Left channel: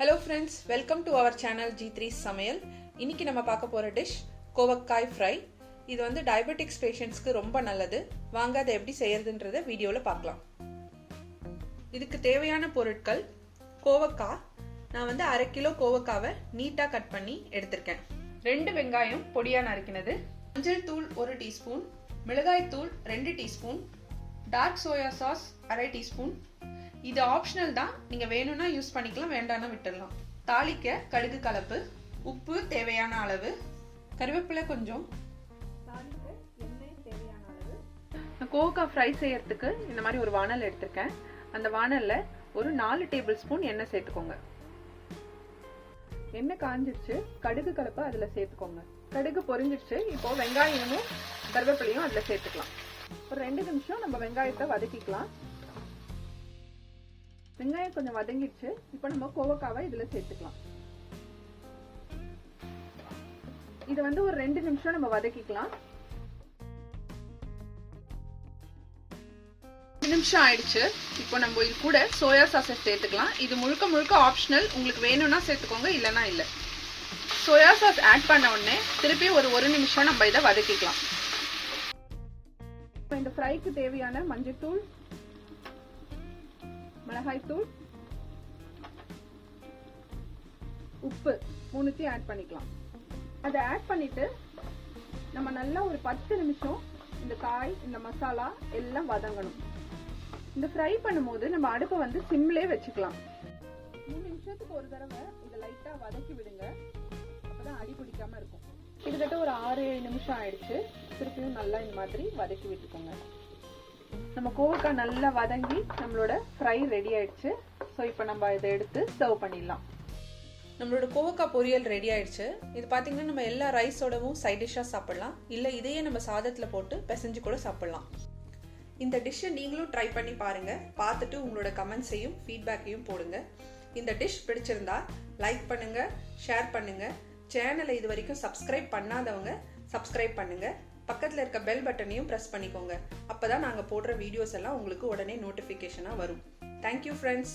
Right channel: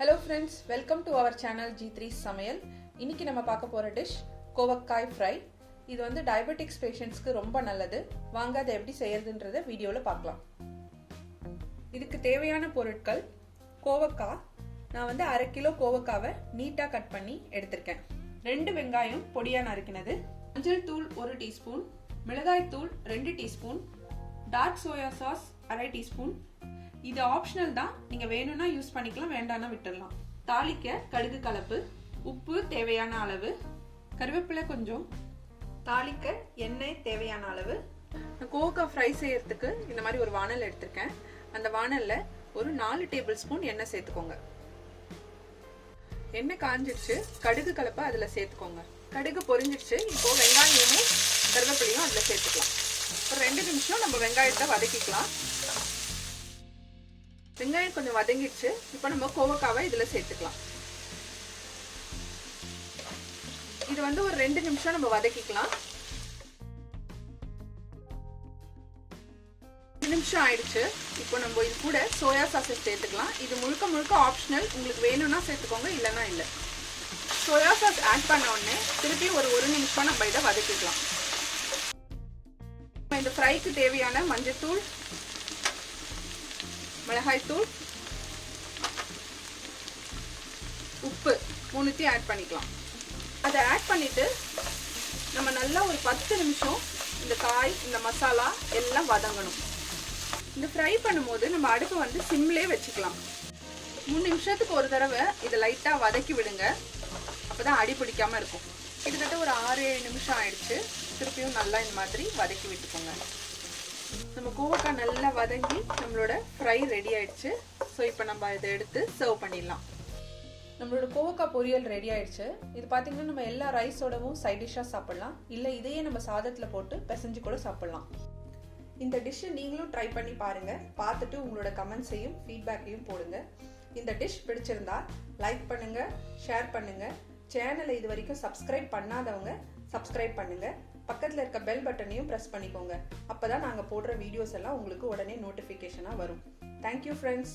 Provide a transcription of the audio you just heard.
Hello friends, welcome to our channel G3 Samayal. இன்னைக்கு நம்ம பார்க்க போற டிஷ் Kovakkai Fry. இது வந்து டயபெட்டிக்ஸ் பேஷண்ட்ஸ்க்கு ரொம்ப நல்லது. வாங்க அதை எப்படி செய்யறதுன்றதை வீடியோல பார்க்கலாம். இதுக்கு தேவையான பொருட்கள் கோவக்காய். நான் வந்து 1/2 கிலோ கோவக்காவை நீட்டா கட் பண்ணி எடுத்துர்க்கேன். 2 வெங்காயம் பொடியா நறுக்கினது, மஞ்சள் தூள் 1 டீஸ்பூன், மிளகாய் தூள் 2 teaspoon, dark soya sauce 1/2 teaspoon. இது ஆப்ஷனல் தான், நீங்க வேணும்னா யூஸ் பண்ணிக்கலாம், வேண்டாம்னா விட்டுடலாம். தாளிக்க கடுகு கலப்பு, உப்பு தேவையான அளவு, கருவேப்பிலை கொஞ்சம், தாளிக்க எண்ணெய் தேவையான அளவு. கோவக்காய் ஃப்ரை செய்யறதுக்கு இந்த மாதிரி ஒரு வாணல் எடுத்திருக்கேன். அந்த வாணல்ல ஒரு 4 டேபிள் ஸ்பூன் எண்ணெய் சேர்த்துக்கோங்க. எண்ணெய் காஞ்சிடுச்சு, கடுகு கலப்பை அதுல சேர்த்துக்கோங்க. கடுகு பொரிஞ்சிடுச்சு. இப்போ வெங்காயமும் கருவேப்பிலையும் அதுல சேர்த்துக்கலாம். ஒரு 2 நிமிஷம் நம்ம வெங்காயத்தை வதக்கிக்கலாம். வெங்காயம் கொஞ்சம் வதங்கிடுச்சு. இப்போ நம்ம கோவக்காவை இதுல சேர்த்துக்கலாம். இது வந்து ஒரு 2 நிமிஷம் நம்ம வதக்கிக்கலாம். 2 நிமிஷம் ஆயிடுச்சு. இப்போ நம்ம இது கூட சோயா சாஸ் சேர்த்துக்கலாம். இது முழுக்க ஆப்ஷனல், உங்களுக்கு வேணும்னா சேர்த்துக்கோங்க, இல்லைன்னா இல்லை. சோயா சாஸ் ஆட் பண்ண உடனே திருப்பி ஒரு 1 நிமிஷம் நம்ம இதை வதக்கிக்கலாம். இந்த ஃப்ரைக்கு தேவையான மஞ்சள் தூள், மிளகாய் தூள், உப்பு மூணுத்தையும் ஆட் பண்ணிக்கலாம். அதை ஆட் பண்ணிட்டு நம்ம நல்லா ஒரு 10 நிமிஷம் இந்த காய், இந்த மசாலா எல்லாம் வதங்கணும். இந்த ஃப்ரை பண்ணும்போது நம்ம அடுப்பை வந்து சிம்லே வச்சுக்கலாம். 3 நிமிஷத்துக்கு ஒரு தடவை இதை லைட்டா வதக்கி விடுங்க, அப்பதான் அடி பிடிக்காம இருக்கும். கிட்டத்தட்ட ஒரு 6-7 நிமிஷம் ஆயிடுச்சு. திருப்பியும் நல்லா இந்த மாதிரி வதக்கி விட்டுக்கோங்க. நம்ம கோவக்காய் நல்லா வதங்கி நம்மளோட ஃப்ரை ரெடி ஆயிடுச்சு. ஸோ இப்போ நம்ம இதை எடுத்து சர்வ் பண்ணிடலாம். நம்மளோட கோவக்காய் பொரியல் ரெடி ஆயிடுச்சு. இது பார்த்தீங்கன்னா நம்ம எல்லா ரைஸோடவும் சைட் டிஷ்ஷாக சாப்பிடலாம், இல்லை இதையே நம்ம சாதத்தில் போட்டு பிசைஞ்சு கூட சாப்பிடலாம். இந்த டிஷ்ஷை நீங்களும் ட்ரை பண்ணி பாருங்க. பார்த்துட்டு உங்களோட கமெண்ட்ஸையும் ஃபீட்பேக்கையும் போடுங்க. இந்த டிஷ் பிடிச்சிருந்தா லைக் பண்ணுங்க, ஷேர் பண்ணுங்க. சேனலை இது வரைக்கும் சப்ஸ்கிரைப் பண்ணாதவங்க சப்ஸ்கிரைப் பண்ணுங்க. பக்கத்தில் இருக்க பெல் பட்டனையும் ப்ரெஸ் பண்ணிக்கோங்க. அப்பதான் நாங்கள் போடுற வீடியோஸ் எல்லாம் உங்களுக்கு உடனே நோட்டிஃபிகேஷனாக வரும். Thank you friends.